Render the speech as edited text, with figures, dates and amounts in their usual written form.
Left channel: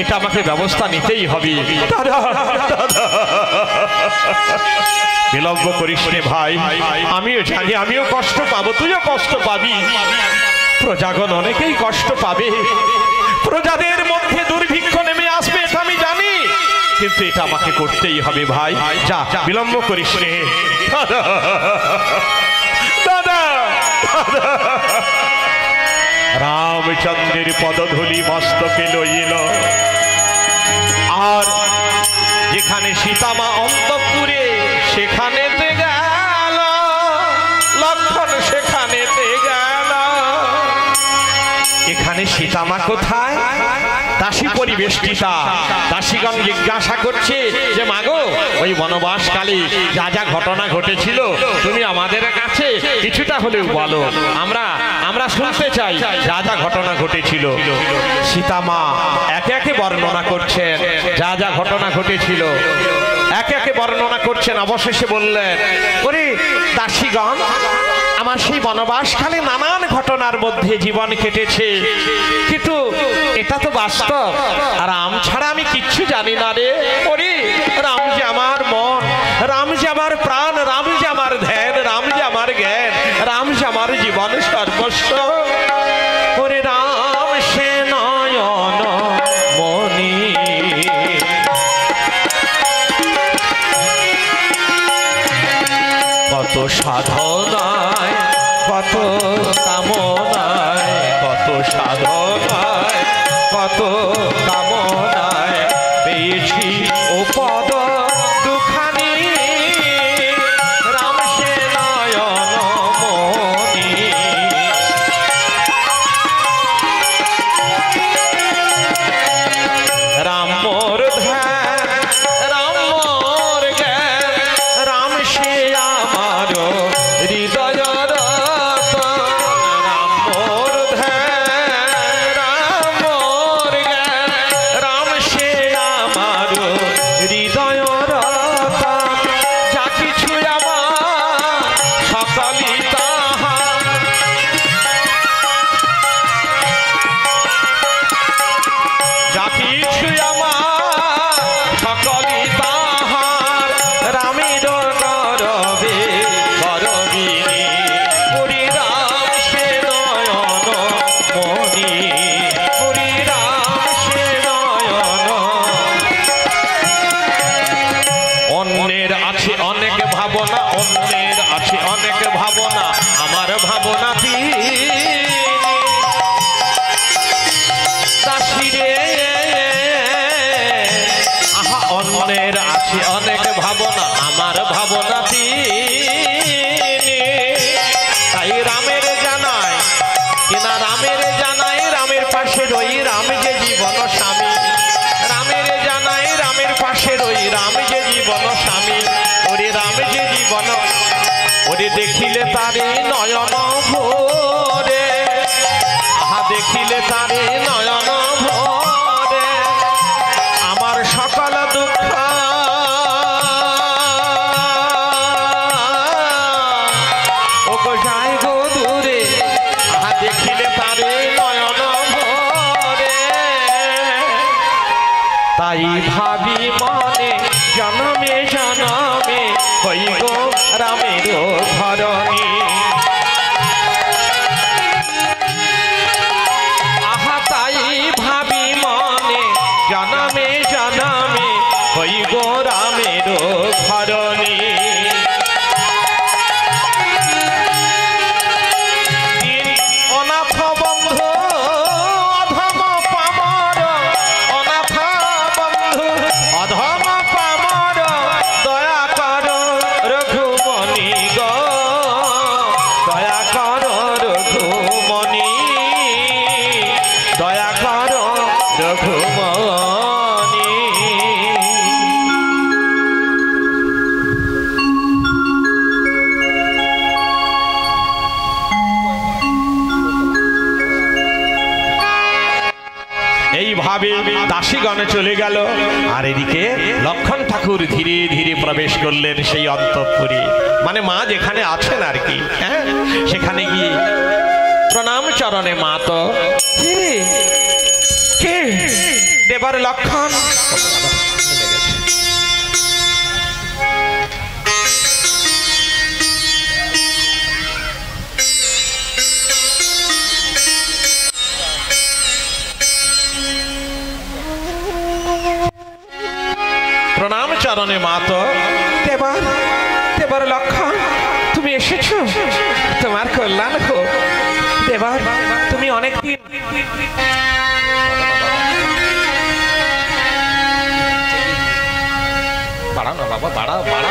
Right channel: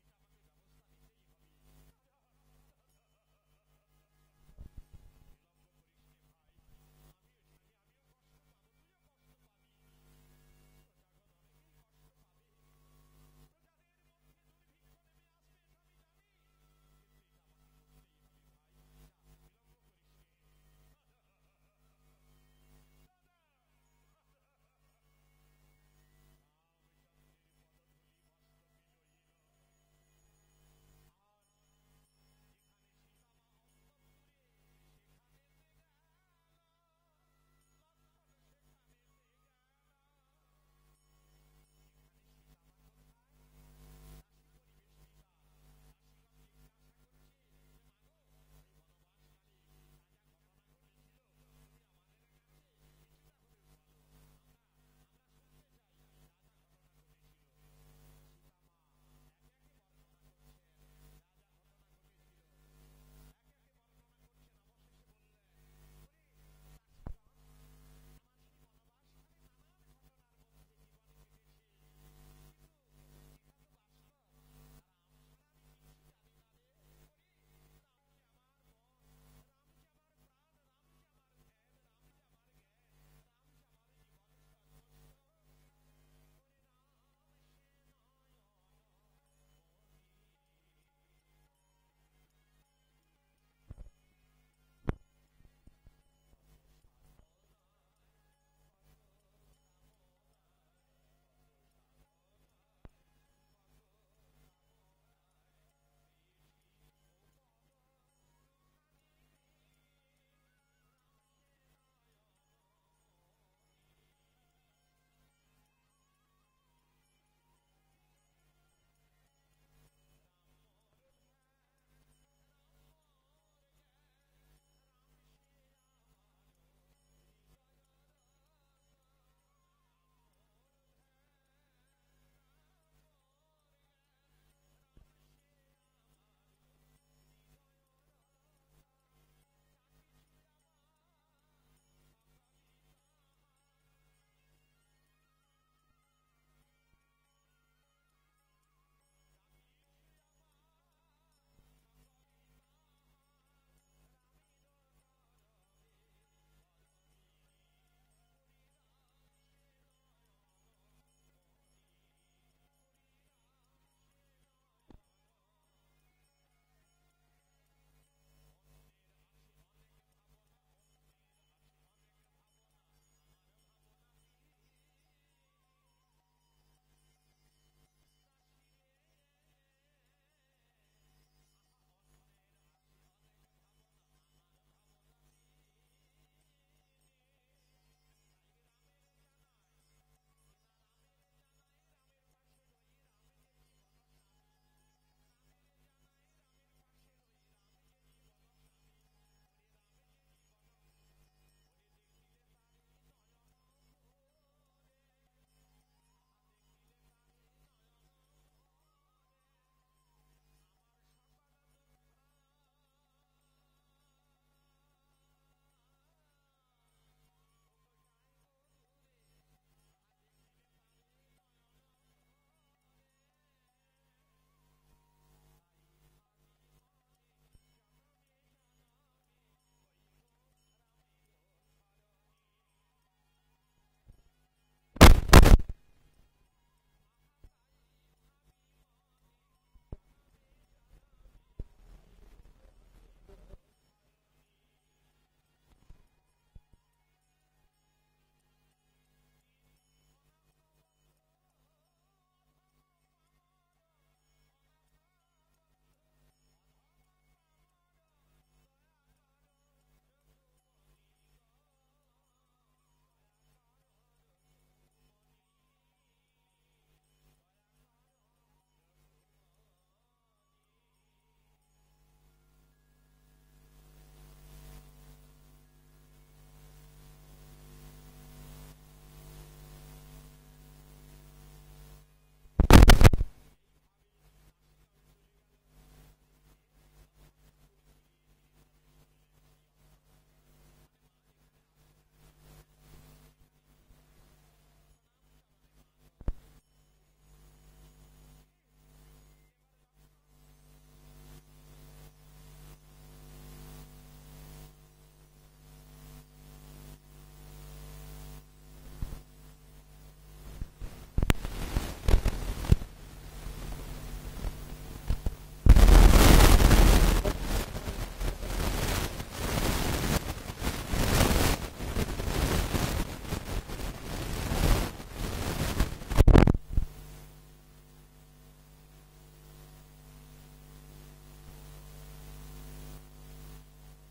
এটা আমাকে ব্যবস্থা নিতেই হবে। বিলম্ব করিস রে ভাই, আমিও জানি আমিও কষ্ট পাবো, তুইও কষ্ট পাবি, প্রজাগণ অনেকেই কষ্ট পাবে, প্রজাদের মধ্যে দুর্ভিক্ষ নেমে আসবে, এটা আমি জানি, কিন্তু এটা আমাকে করতেই হবে ভাই। যা, বিলম্ব করিস রে। দাদা রামচন্দ্রের পদধূলি মস্তকে লইল, আর যেখানে সীতামা অন্তঃপুরে সেখানেতে গেল, লক্ষণ সেখানেতে গেল। এখানে সীতামা কোথায়? দাসী পরিবেষ্টিতা। দাসীগণ জিজ্ঞাসা করছে যে মাগো, ওই বনবাসকালে যা যা ঘটনা ঘটেছিল তুমি আমাদের কাছে কিছুটা হলেও বলো, আমরা শুনতে চাই যা যা ঘটনা ঘটেছিল। সীতামা একে একে বর্ণনা করছেন যা যা ঘটনা ঘটেছিল, একে একে বর্ণনা করছেন। অবশেষে বললেন, ওরে দাসীগণ, আমার সেই বনবাসকালে নানান ঘটনার মধ্যে জীবন কেটেছে, কিন্তু এটা তো বাস্তব, আর রাম ছাড়া আমি কিচ্ছু জানি না রে। ওরে রাম যে আমার মন, রাম যে আমার প্রাণ, রাম যে আমার ধ্যান, রাম যে আমার জ্ঞান, রাম যে আমার জীবন সর্বস্ব। ওরে রাম সে নয়ন মনি, কত সাধনায় কত কামনায়, কত সাধনায় কত কামনায় পেয়েছি ও পদ দুখানি, রাম সে নয়ন মনি। রাম মোর ধ্যান, রাম মোর জ্ঞান, রাম সে আমার হৃদয় রতন। রাম মোর ধ্যান, রাম মোর জ্ঞান, রাম সে আমার হৃদয় রতন। যা কিছু আমার সকলই তাহার, যা কিছু আমার সকলই তাহার, রামের গরবে গরবিনী। হরি রাম সে নয়ন মনি, হরি রাম সে নয়ন। অন্যের আছে অনেক ভাবনা, অন্যের আছে অনেক ভাবনা, আমার ভাবনা তিনি। দাসীরে আহা, অন্যের আছে অনেক ভাবনা, আমার ভাবনা তিনি। তাই রামের জানাই কিনা, রামের জানাই, রামের পাশে রই, রাম যে জীবন স্বামী। রামের জানাই, রামের পাশে রই, রাম যে জীবন স্বামী। ওরে রাম যে জীবন, ওরে দেখিলে তারে নয়ন ভোরে, আহা দেখিলে তারে নয়ন ভোরে। আমার সকল দুঃখ ও গো যায় গো দূরে, আহা দেখিলে তারে নয়ন ভোরে। তাই ভাবি মনে জনমে জনমে হই গো রামের ধরণী। আহা তাই ভাবি মনে জনমে জনমে হই গো রামের ধরণী। অনাথ বন্ধু অধম পামর, অনাথ বন্ধু অধম পামর, দয়া কর রঘুমণি গো, দয়া কর রঘুমণি, দয়া কর রঘুমণি। এইভাবে দাসীগণে চলে গেল, আর এদিকে লক্ষণ ঠাকুর ধীরে ধীরে প্রবেশ করলেন সেই অন্তঃপুরে, মানে মা যেখানে আছেন আর কি। হ্যাঁ, সেখানে গিয়ে প্রণাম চরণে। মা তো কে দেবার লক্ষণ। প্রণাম চরণে মাতো। দেবার দেবার লক্ষণ, তুমি এসেছো, তোমার কল্যাণ হোক। দেবার তুমি অনেক বাড়াও না বাবা, বাড়াও বাড়াও।